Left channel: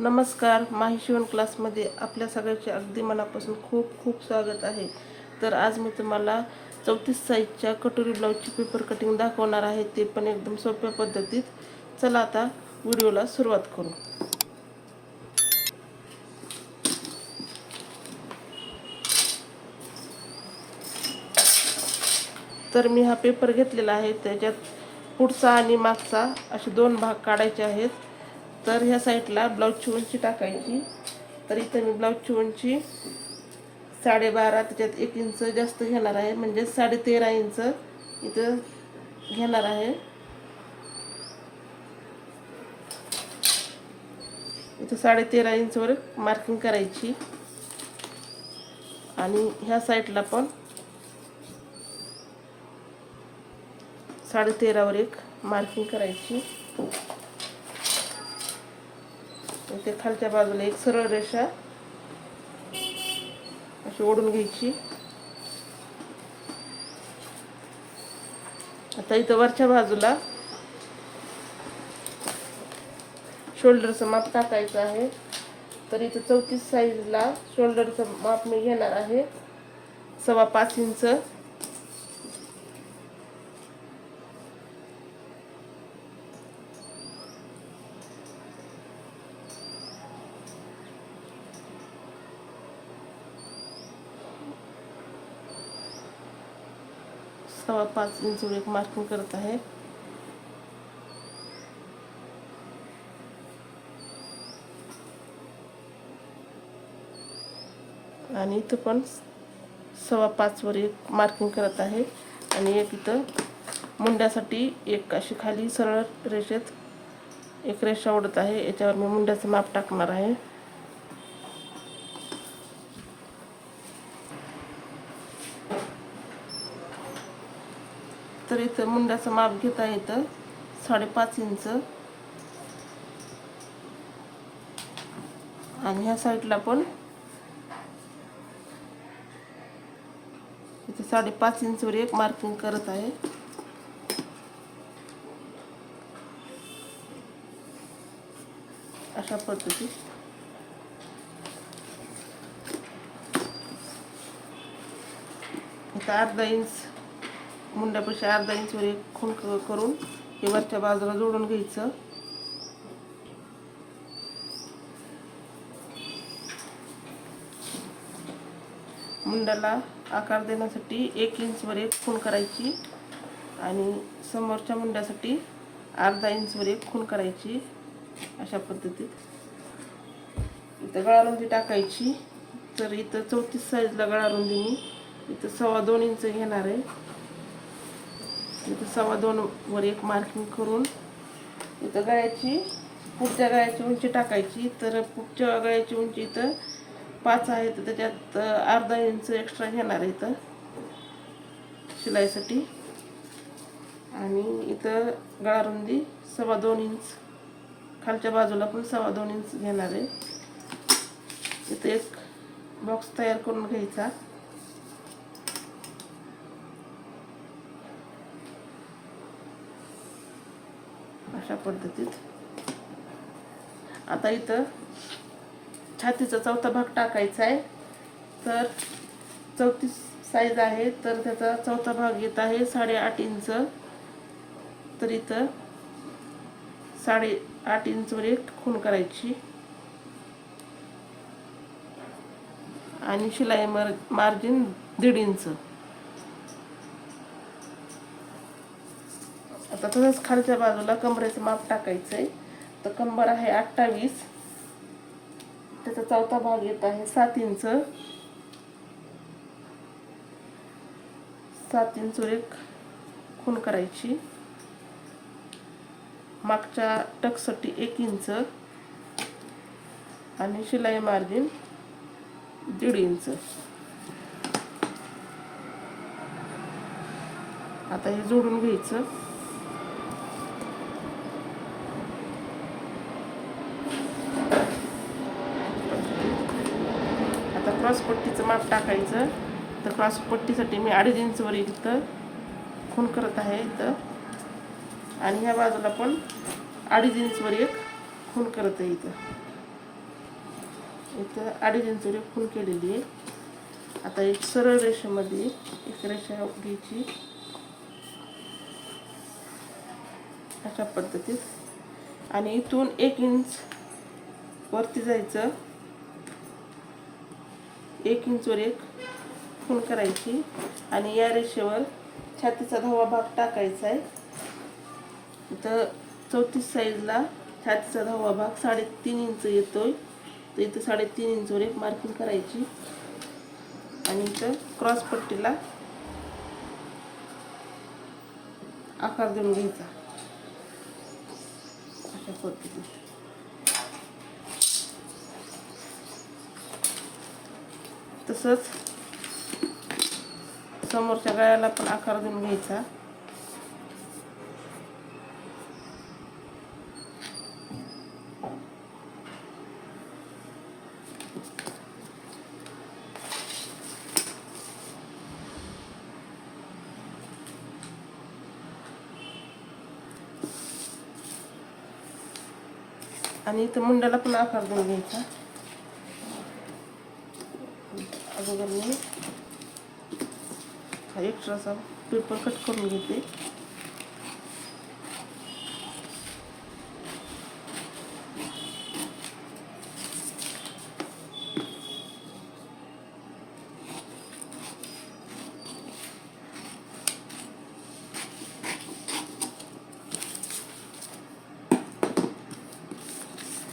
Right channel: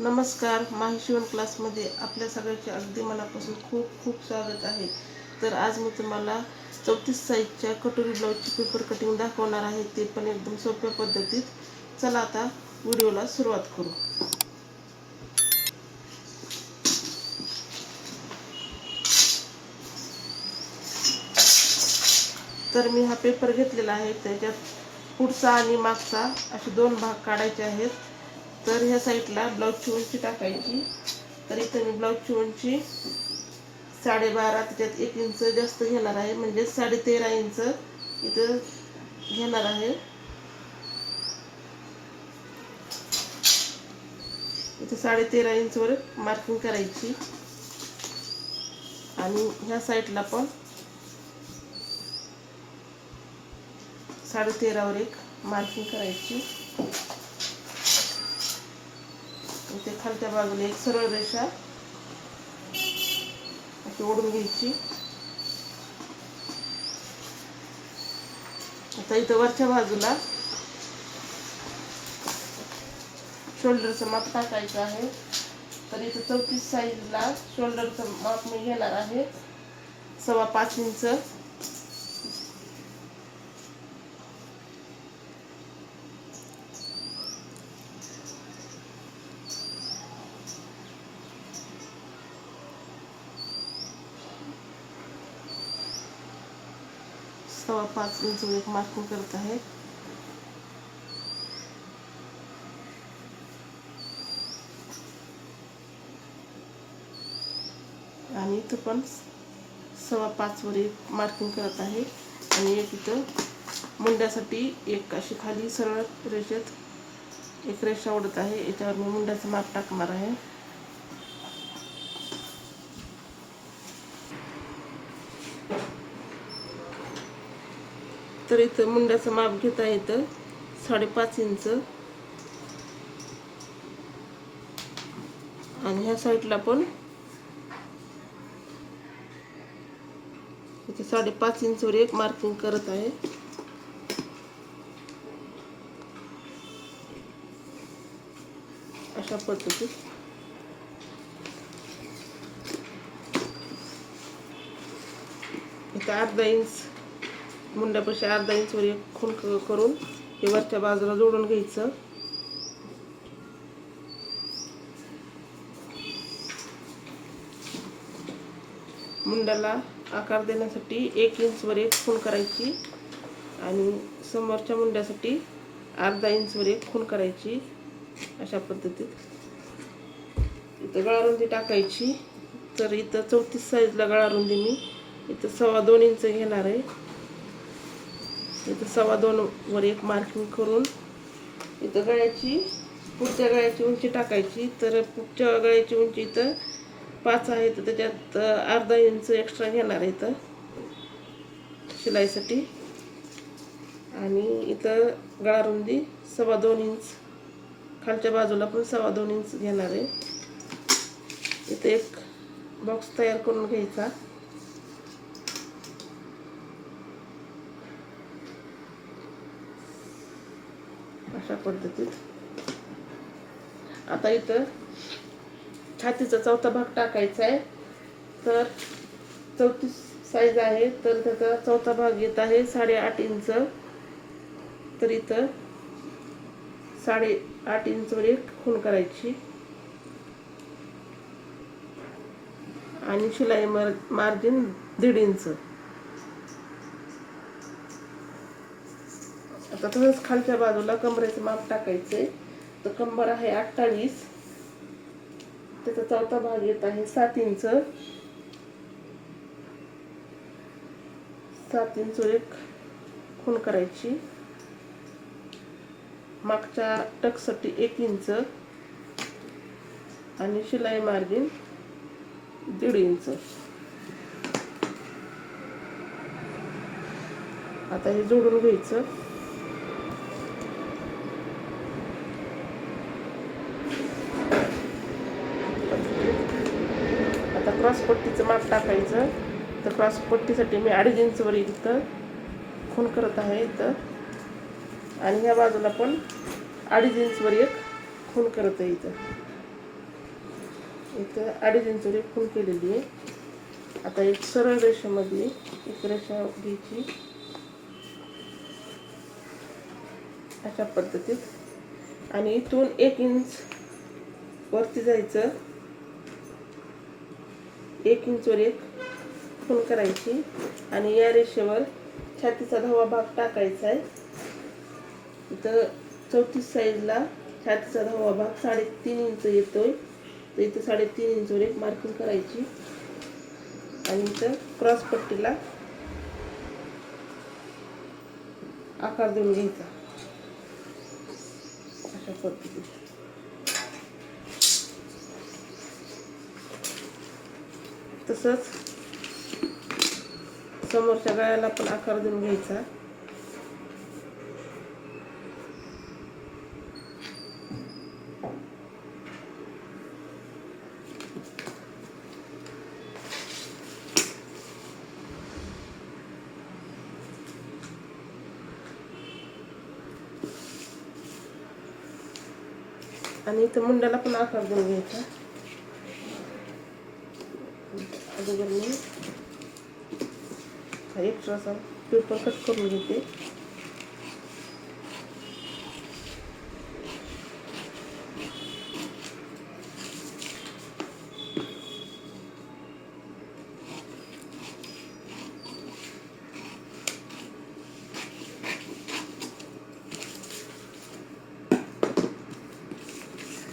नमस्कार, माही शिवण क्लासमध्ये आपल्या सगळ्यांचे अगदी मनापासून खूप खूप स्वागत आहे. तर आज मी तुम्हाला 34 साईजच्या कटोरी ब्लाऊजची पेपर कटिंग दाखवणार आहे, ते पण एकदम सोप्या पद्धतीत. चला आता व्हिडिओला सुरुवात करू. तर मी हा पेपर घेतलेला आहे, त्याच्यात पुढचा आणि मागचा असे दोन भाग काढायचे आहेत. तर ह्या साईडला ब्लाऊजची उंची टाकायची. तर इथे मी ब्लाऊजची उंची 12.5, त्याच्यात 1 इंच जास्त घेणार आहे, म्हणजे 13.5 इंच इथं घेणार आहे. इथं 13.5 इंचवर मार्किंग करायची आणि ह्या साईडला पण 13.5वर एक मार्किंग करायची. इथे खालच्या बाजूला एक सरळ रेषा अशी ओढून घ्यायची. आता इथं वरच्या बाजूला शोल्डरचं माप टाकायचं आहे. तर इथं 34 साईजला शोल्डरचं माप मी घेणार आहे 5.25 इंच. सव्वा 5 इंच एक मार्किंग करत आहे. आणि इथं पण 5.25 वर एक मार्किंग करत आहे. आणि एक इथं मुंड्यासाठी एक अशी खाली सरळ रेषेत एक रेषा ओढत आहे. याच्यावर मी मुंड्याचं माप टाकणार आहे. तर इथं मुंड्याचं माप घेता येतं 5.5 इंच. आणि ह्या साईडला पण इथे 5.5 इंचवर एक मार्किंग करत आहे. अशा पद्धतीत इथं अर्धा इंच मुंड्यापाशी अर्धा इंचवर एक खूण करून हे वरच्या बाजूला जोडून घ्यायचं. मुंड्याला आकार देण्यासाठी 1 इंचवर एक खूण करायची आणि समोरच्या मुंड्यासाठी अर्धा इंचवर एक खूण करायची. अशा पद्धतीत इथं गळारुंदी टाकायची. तर इथं 34 साईजला गळारुंदी मी इथं 2.25 इंच घेणार आहे. इथं 2.25 वर एक मार्किंग करून इथं पुढच्या गळ्याची उंची टाकायची. तर पुढच्या गळ्याची उंची इथं 5 आहे, तर त्याच्यात अर्धा इंच एक्स्ट्रा घेणार आहे इथं शिलाईसाठी. आणि इथं गळारुंदी 2.25 इंच, खालच्या बाजूला पण 2.25 इंच घेणार आहे. इथं एक बॉक्स तयार करून घ्यायचा. अशा पद्धतीत आता इथं छातीचा चौथा भाग टाकायचा आहे. तर 34 साईज आहे, तर त्याचा चौथा भाग येत आहे 8.5 इंच. तर इथं 8.5 इंचवर एक खूण करायची आणि शिलाई मार्जिन 1.5 इंच. आता तसंच खालच्या बाजूला कमरेचं माप टाकायचंय. तर कंबर आहे 28, त्याचा चौथा भाग येत आहे 7 इंच. 7 इंचवर एक खूण करायची. मागच्या टक्ससाठी 1 इंच आणि शिलाई मार्जिन 1.5 इंच. आता हे जोडून घ्यायचं. आता क्रॉस पट्टीचं माप टाकायचं. तर क्रॉस पट्टीसाठी मी 2.5 इंचवर इथं खूण करत आहे इथं. आणि ह्या बाजूला पण 2.5 इंचवर एक खूण करत आहे इथं. इथं 2.5 इंच खूण केलेली आहे. आता एक सरळ रेषेमध्ये एक रेषा घ्यायची अशा पद्धतीत आणि इथून 1 इंच वरती जायचं. 1 इंचवर एक खूण करायची आणि या रेषेवर छातीचा 10वा भाग टाकायचा आहे. इथं 34 साईजला छातीचा 10वा भाग 3.5 इंच येतोय. तर इथं 3.5 इंचवर एक मार्किंग करायची आणि इथं क्रॉस पट्टीला आकार देऊन घ्यायचा अशा पद्धतीने. तसंच समोरच्या गळ्याला पण आकार देऊन घ्यायचा. आणि इथं मुंड्याला पण आकार देऊन घ्यायचा. अगोदर मी एक्स्ट्राचा पेपर कट करून घेते.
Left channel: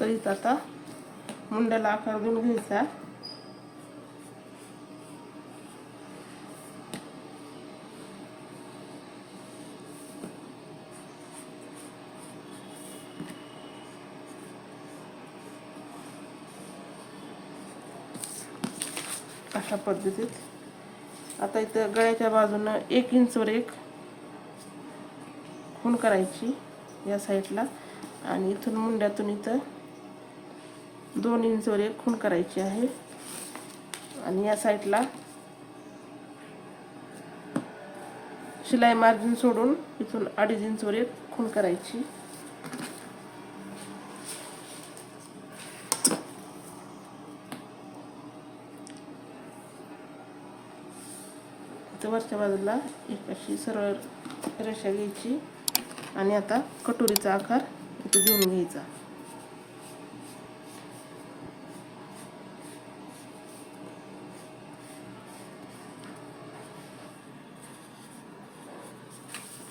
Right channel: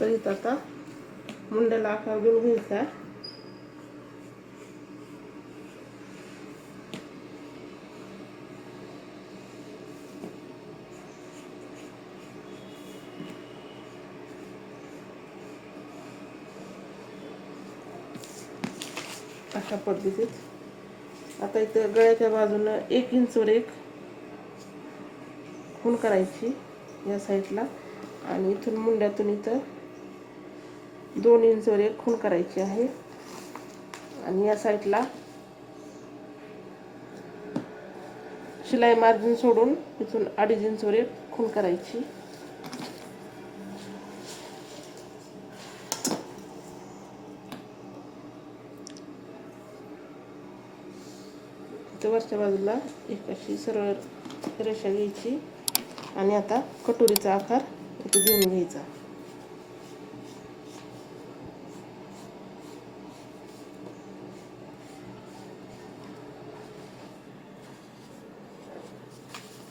तर इथं आता मुंड्याला आकार देऊन घ्यायचा. अशा पद्धतीत आता इथं गळ्याच्या बाजूनं 1 इंचवर एक खूण करायची या साईडला आणि इथून मुंड्यातून इथं 2 इंचवर एक खूण करायची आहे आणि या साईडला शिलाई मार्जिन सोडून इथून 2.5 इंचवर एक खूण करायची. वरच्या बाजूला एक अशी सरळ रेषा घ्यायची आणि आता कटोरीचा आकार इथे देऊन घ्यायचा.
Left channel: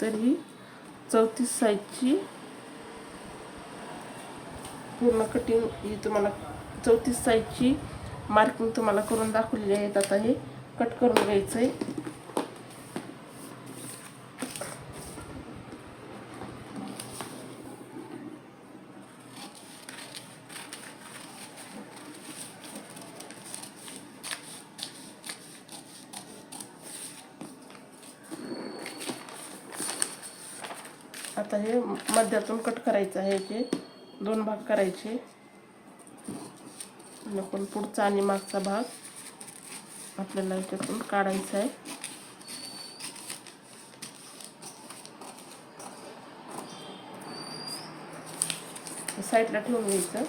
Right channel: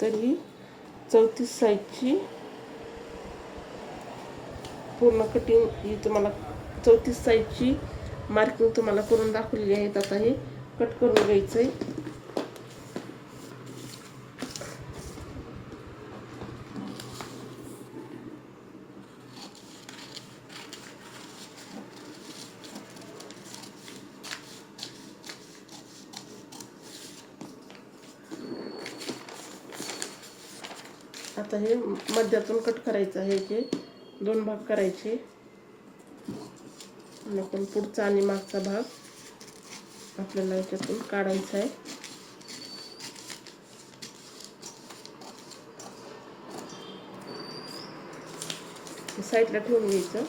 तर ही 34 साईजची पूर्ण कटिंग ही तुम्हाला 34 साईजची मार्किंग तुम्हाला करून दाखवलेली आहे. आता हे कट करून घ्यायचं आहे. आता हे मध्यातून कट करायचं आहे. याचे 2 भाग करायचे. आपण पुढचा आणि मागचा भाग आपल्याला याच्यातून काढायचा आहे. साईडला ठेवून घ्यायचं.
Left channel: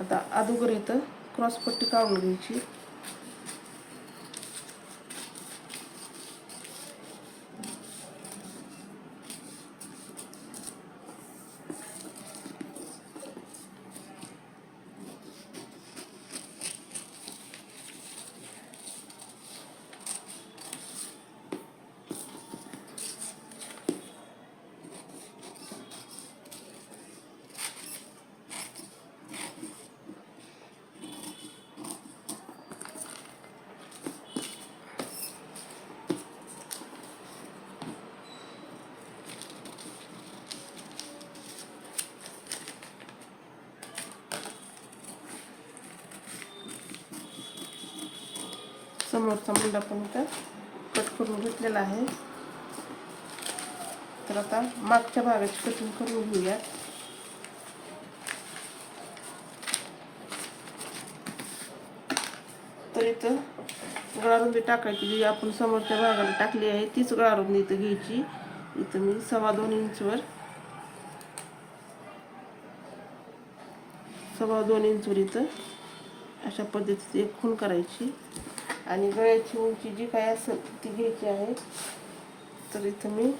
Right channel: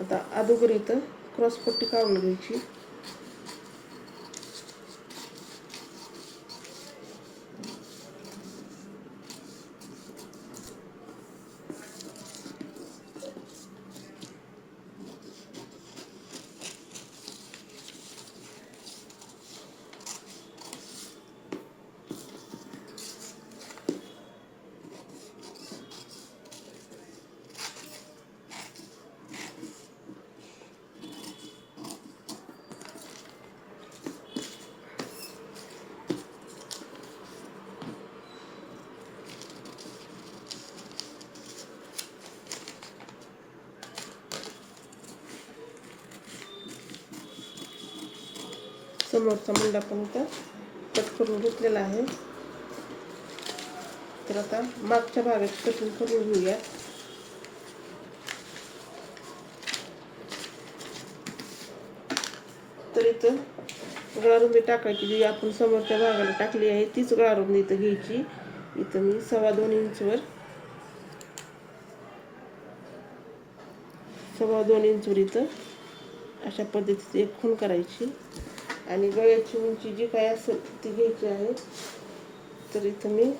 आता अगोदर इथं क्रॉस पट्टी काढून घ्यायची. समोरचा मुंडा पण इथं कट करून घेतलेला आहे. तर आता मागच्या भागाची कटिंग करून घेऊया. तर इथं गळारुंदी टाकायची, जी आपण समोरच्या भागाला टाकली आहे तीच गळारुंदी इथं घ्यायची. इथं मी 2.25 इंचवर 2.25 इंचवर इथं अशा पद्धतीने एक खूण करायची आणि गळ्याची उंची जी काय असेल ती घ्यायची आहे. तर इथं मी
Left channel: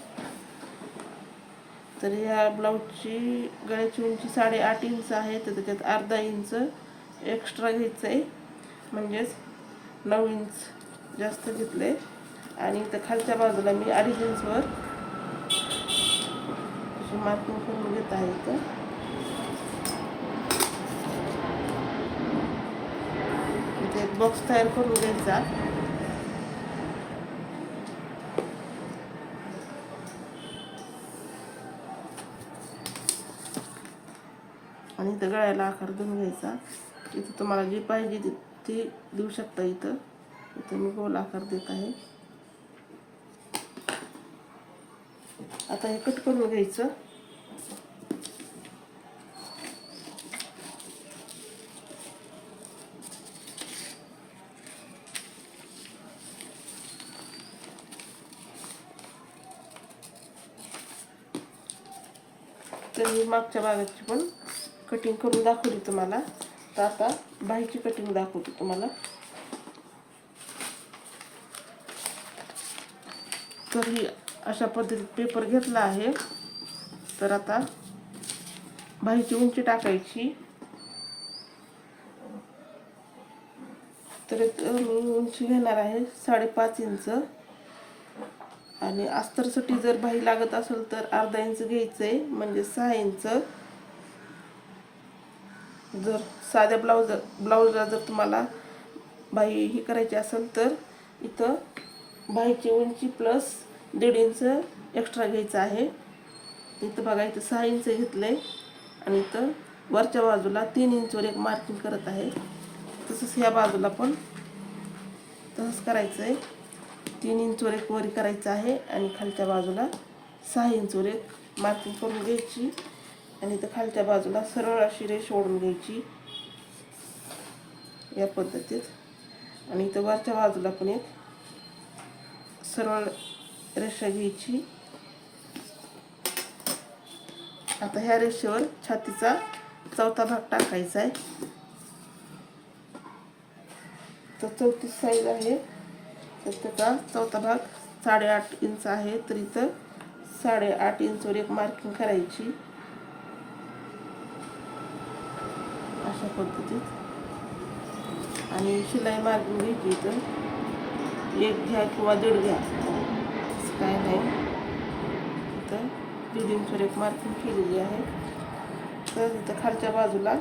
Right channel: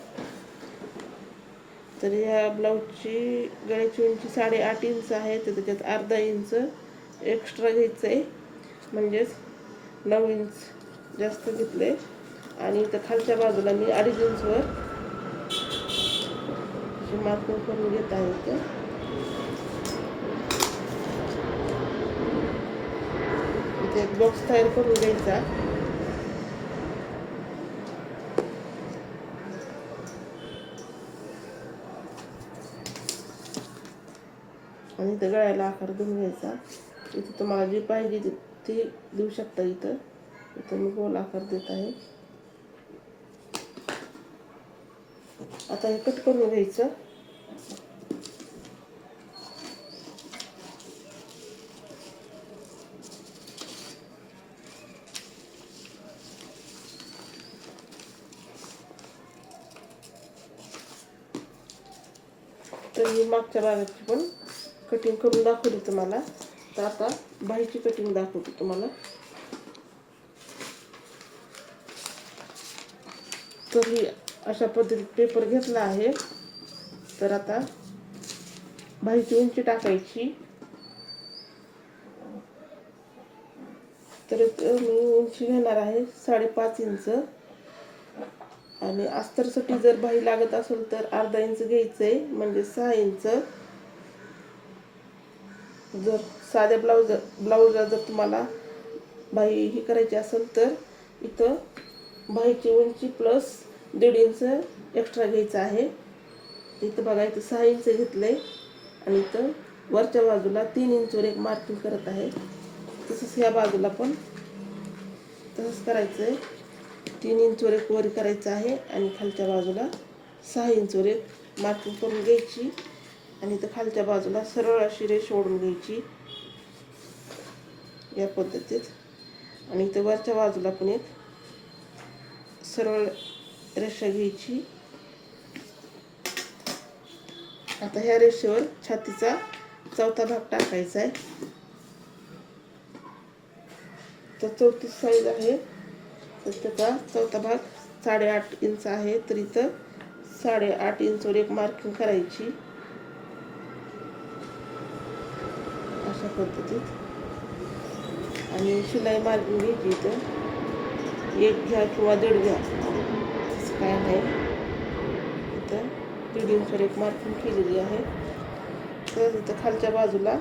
तर ह्या ब्लाऊजची गळ्याची उंची 8.5 इंच आहे, तर त्याच्यात अर्धा इंच एक्स्ट्रा घ्यायचं आहे, म्हणजेच 9 इंच जास्त घेतले. आणि इथं खालच्या बाजूला मी 2.5 इंचवर मार्किंग करून घेत आहे. इथे एक बॉक्स तयार करून घ्यायचा आणि इथं गळ्याला आकार देऊन घ्यायचा. इथं तुम्हाला जी पाहिजे ती देऊ शकता. इथं मी गोल आकार देत आहे. आता हे कट करून घ्यायचं. तर मी मागच्या भागाची पण कटिंग करून दाखवली तुम्हाला. तर आता बाहीची कटिंग दाखवते तुम्हाला. तर ही अशा पद्धतीत पेपर घेतला आहे. तर आता बाहीची उंची टाकायची. तर मी उंची घेणार आहे 5.5 इंच आणि अस्तरसाठी जर बाही लागत असेल तर अर्धा इंच घ्यायचंय, म्हणजे 6 इंच. जर साध्या ब्लाऊजला जर तुम्हाला बाही ही करायची असेल तर इथं बाहीची उंची प्लस 1.5 इंच एक्स्ट्रा घ्यायचं आहे. इथं बघा, इथं 6 इंच घेतलंय आणि इथं वरच्या बाजूला 3 इंचवर एक मार्किंग करत आहे. तसंच ह्या बाजूला पण तसंच करायचं आहे. 3 इंचवर एक वर करायचं आहे आणि खालच्या बाजूला 6 इंचवर एक मार्किंग करून घ्यायची आणि इथं खालच्या बाजूला सरळ अशी रेष ओढून घ्यायची या पद्धतीत. आणि इथं वरच्या बाजूला पण एक सरळ रेषा घ्यायची. आता ह्या रेषेवर छातीचा चौथा भाग टाकायचा आहे. तर 34 साईज आहे, तर त्याचा चौथा भाग 8.5 इंच आहे. तर इथं 8.5 इंचवर एक मार्किंग करायची अशा पद्धतीत. आणि शिलाई मार्किंग घ्यायची. इथं 1 घ्या किंवा 1.5 घ्या, असं काय नाही. इथं 1.5 इंचवर एक मार्किंग केलेली आहे. तर इथं खालच्या बाजूला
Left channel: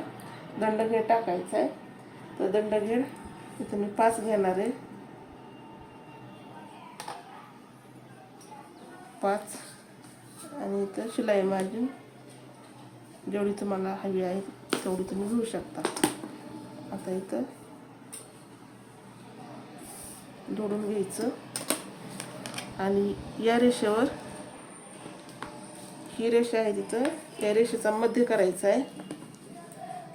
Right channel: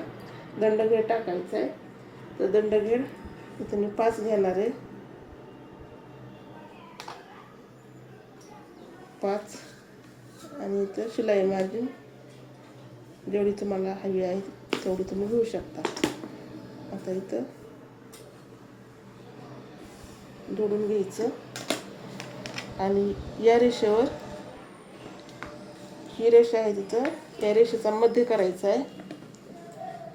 दंडघेर टाकायचा आहे. तर दंडघेर इथं मी 5 घेणार आहे. 5 आणि इथं शिलाई मार्जिन जेवढी तुम्हाला हवी आहे तेवढी तुम्ही घेऊ शकता. आता इथं जोडून घ्यायचं आणि या रेषेवर ही रेषा आहे तिथं त्या रेषेचा मध्य करायचा आहे.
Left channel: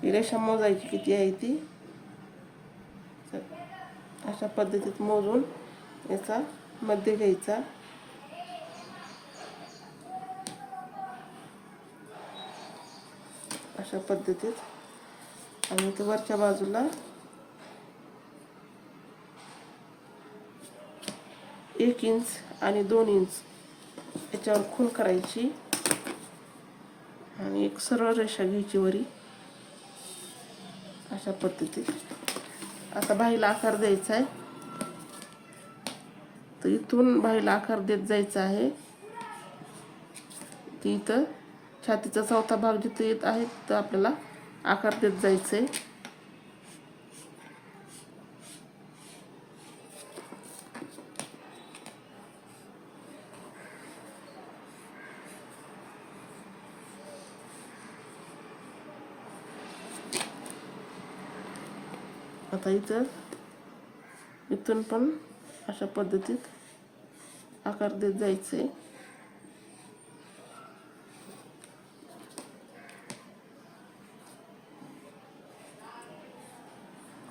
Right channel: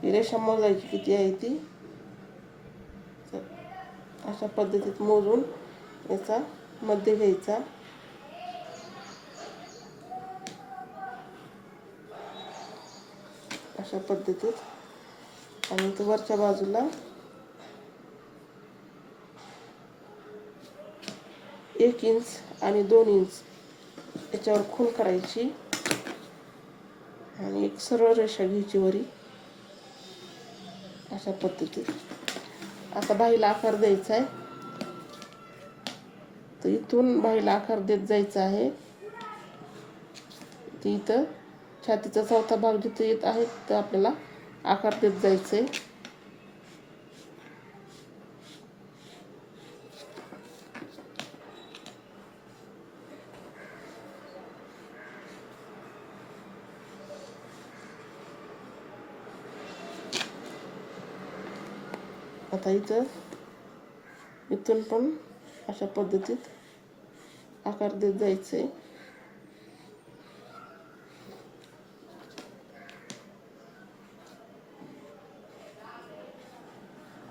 ही रेषा मोजायची किती आहे ती. अशा पद्धतीत मोजून याचा मध्य घ्यायचा. अशा पद्धतीत आणि तो वरच्या बाजूला 1 इंच आणि 2 इंच याच्यावर खूण करायची आणि एक सरळ रेषा घ्यायची वरी अशा पद्धतीत. आता बाहीला आकार द्यायचा आहे. तर इथून बाहीला आकार देत जायचा आहे. ती इथं छातीचा चौथा भाग जिथं येत आहे तर आपल्याला आकार देत जायचं आहे. आता इथून पण अशा पद्धतीत आकार देत जायचे.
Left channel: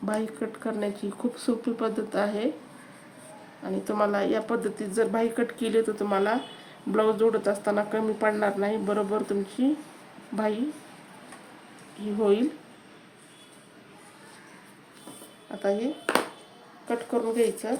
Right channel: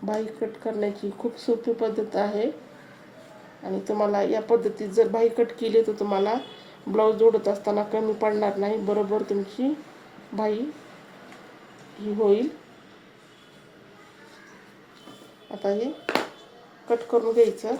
बाही कट करण्याची खूप सोपी पद्धत आहे आणि तुम्हाला या पद्धतीत जर बाही कट केली तर तुम्हाला ब्लाऊज जोडत असताना कमी पडणार नाही. बरोबर तुमची बाही ही होईल. आता हे कट करून घ्यायचं.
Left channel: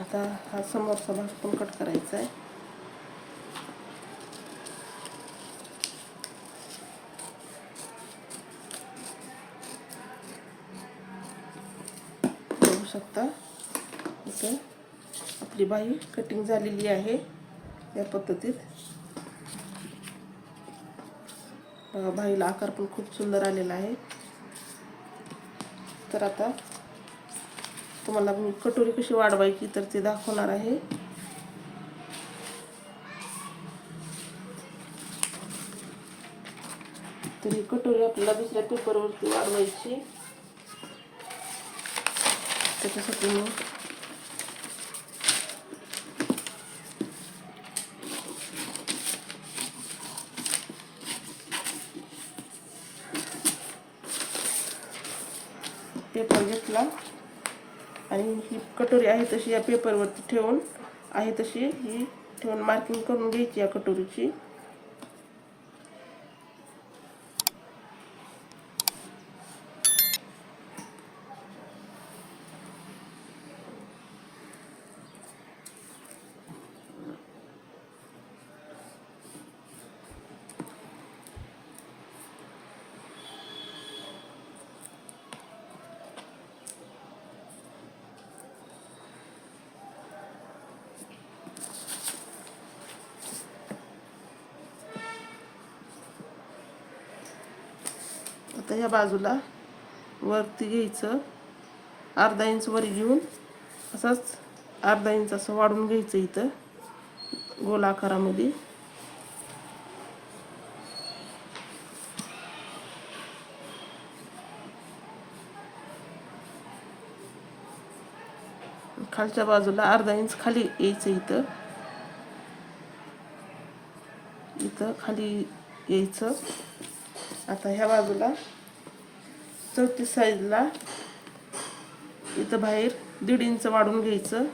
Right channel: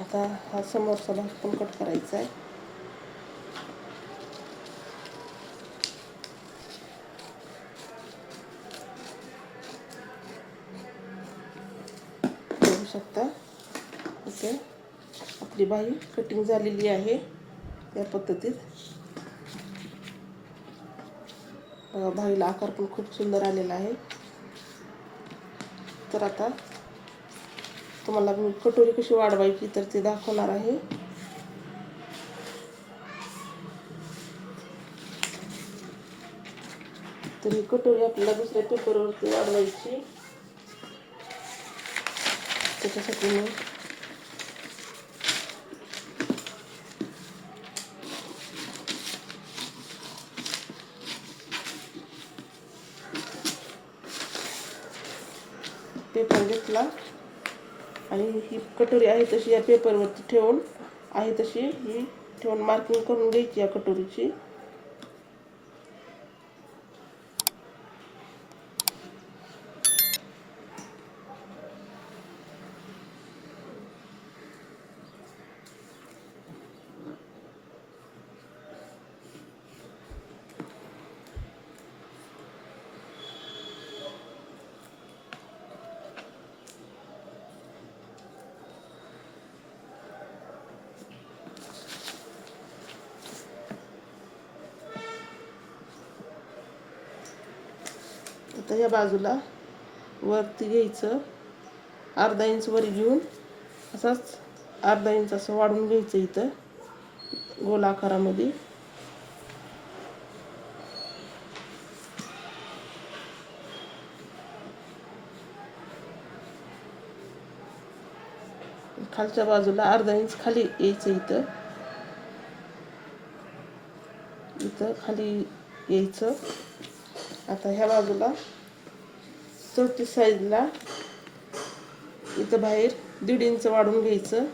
आता हा समोरचा भाग पण कट करायचा आहे. बघू शकता इथे आपली बाही कटिंग झालेली आहे. या पद्धतीत बाहीला आकार पण खूप सुंदर आलेला आहे. तर आता तुम्हाला मी कटोरी कशी वाढवायची तर ते दाखवणार आहे. तर ही कटोरी आपल्याला दुसऱ्या पेपरवरती वाढवायची. त्याच्यासाठी मी पेपर घेतला आणि ही कटोरी आहे तशी या पेपरवरती ठेवून आहे तशी ही ठेवून मार्किंग करून घ्यायची या कटोरीची. आता या बाजूला वरती घ्यायचं, अर्धा इंच वर घेऊन असंच अर्धा इंच असं वाढून घ्यायचं इथं गोल आकारामध्ये. खालच्या बाजूला अर्धा इंच खाली यायचं, इथं खाली यायचं. आता ह्या बाजूला 34 साईजला इथं बाहेर 1.5 इंच वाढून घ्यायचं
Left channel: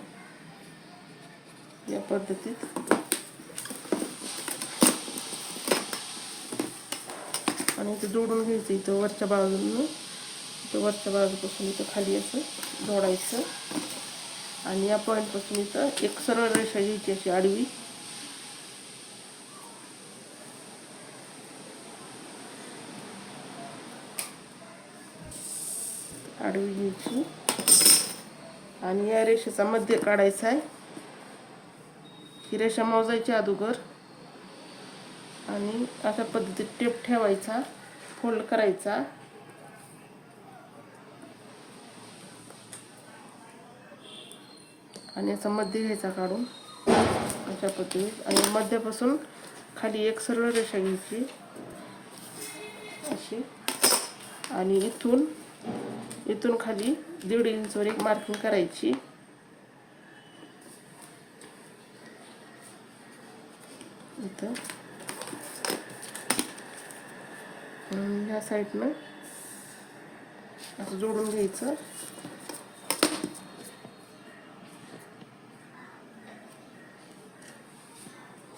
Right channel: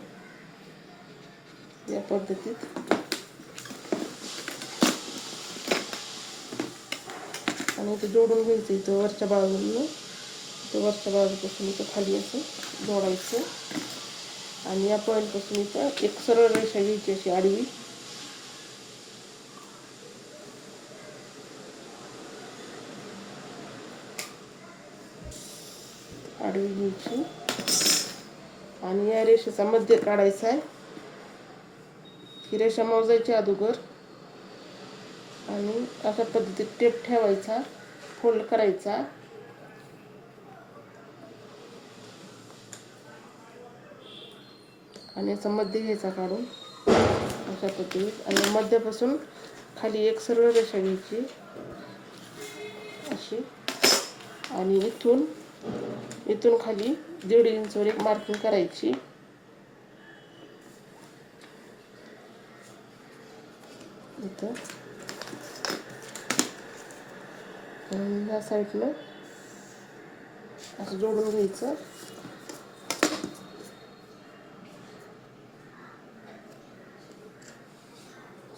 या पद्धतीत. आणि इथं जोडून घ्यायचं इथं वरच्या बाजूने, इथं वरच्या बाजूपासून इथं खाली असं जोडायचं. आणि या पॉईंटपासून इथं एक सरळ रेषा घ्यायची अशी आडवी. आडवी घ्यायची आणि या रेषेचा मध्य काढायचा आहे. ही रेषा मोजायची अगोदर आणि अशा पद्धतीत टेप ठेवायचा, फोल्ड करायचा आणि याचा मध्य घ्यायचा काढून अशा पद्धतीत. आणि मध्यापासून खाली एक सरळ रेषा घ्यायची अशी आणि इथून खाली 1.5 इंचवर एक मार्किंग करायची. इथं ह्या साईडनं असं जोडून घ्यायचं.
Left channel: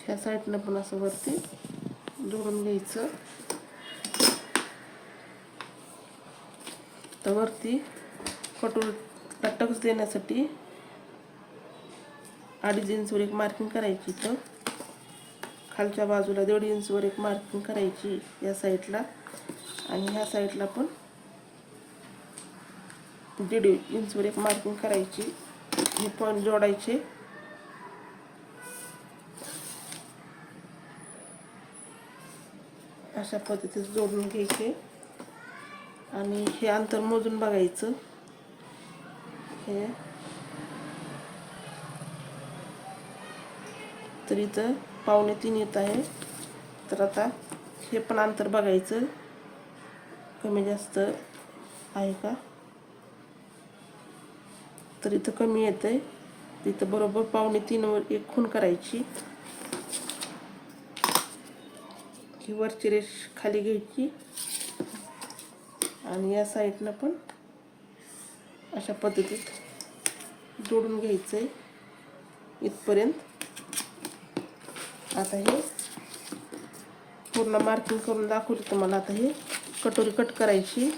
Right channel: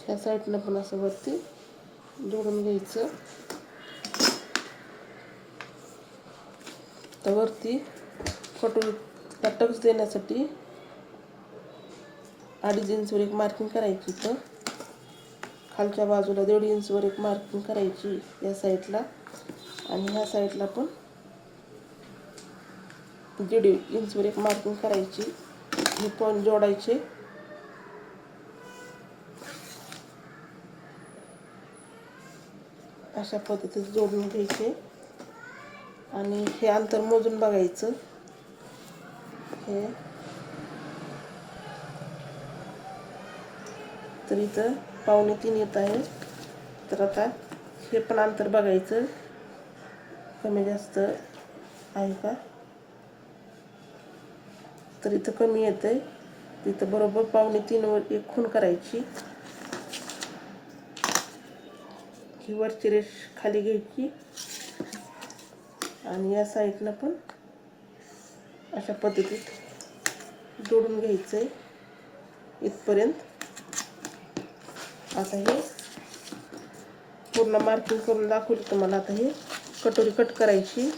ह्या साईडनं पण असं वरती जोडून घ्यायचं. तर वरती कटोरीला टक्स देण्यासाठी 2.5 इंचवर एक मार्किंग करायची. इथं खालच्या बाजूला 1.5 इंचवर एक मार्किंग करायची या साईडला आणि ह्या साईडला पण 1.5 इंचवर एक मार्किंग करायची. हे पॉईंट जोडायचे. अशा पद्धतीत जोडून घ्यायचे आणि हे अंतर मोजून बघायचं. हे तर इथं 2.25 येत आहे. तर आता हे पण अंतर बघायचं कमी जास्त आहे का. तर इथं कमी येतंय तिथं बरोबर 2.25 एक खूण करायची. ही वरची रेष खाली घ्यायची आणि या साईडनं पण अशा पद्धतीत जोडून घ्यायचं आहे इथपर्यंत. आता हे पूर्ण मार्किंग करून दाखवलं तुम्हाला. आता हे कटोरी कट करायची.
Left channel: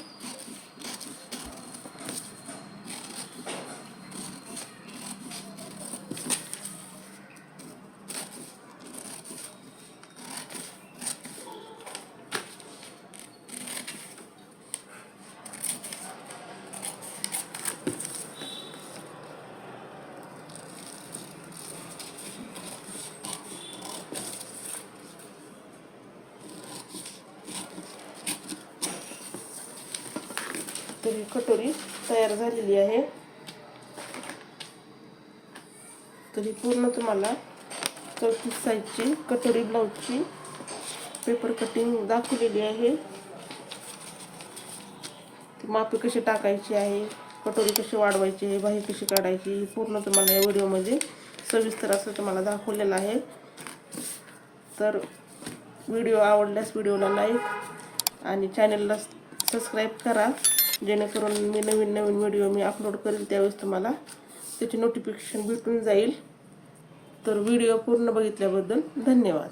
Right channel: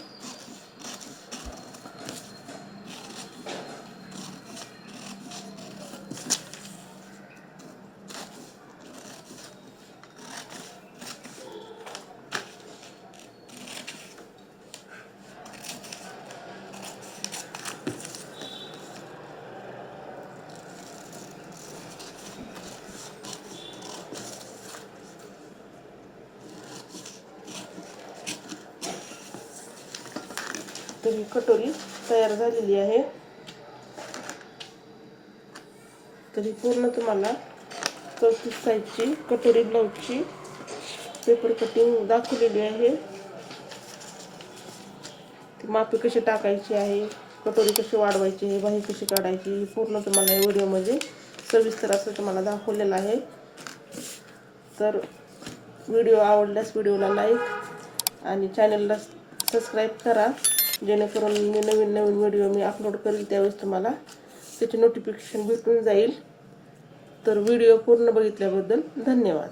तर ही कटोरी तयार झालेली आहे. तरी पूर्ण तुम्हाला 34 साईजची कटोरी ब्लाऊजची पेपर कटिंग दाखवलेली आहे. मापे कशी टाकायची आहे, कटोरी कशी वाढवायची आहे, बाही कशी काढायची, पूर्ण तुम्हाला या व्हिडिओमध्ये सविस्तर असं तुम्हाला दाखवलेलं आहे. तर व्हिडिओ आवडल्यास व्हिडिओला लाईक आणि चॅनलला सबस्क्राईब करा, जेणेकरून मी नवीन व्हिडिओ मी अपलोड करेल त्यावेळेस तुम्हाला त्याची नोटिफिकेशन भेटून जाईल. तर व्हिडिओ पूर्ण बघितल्याबद्दल धन्यवाद.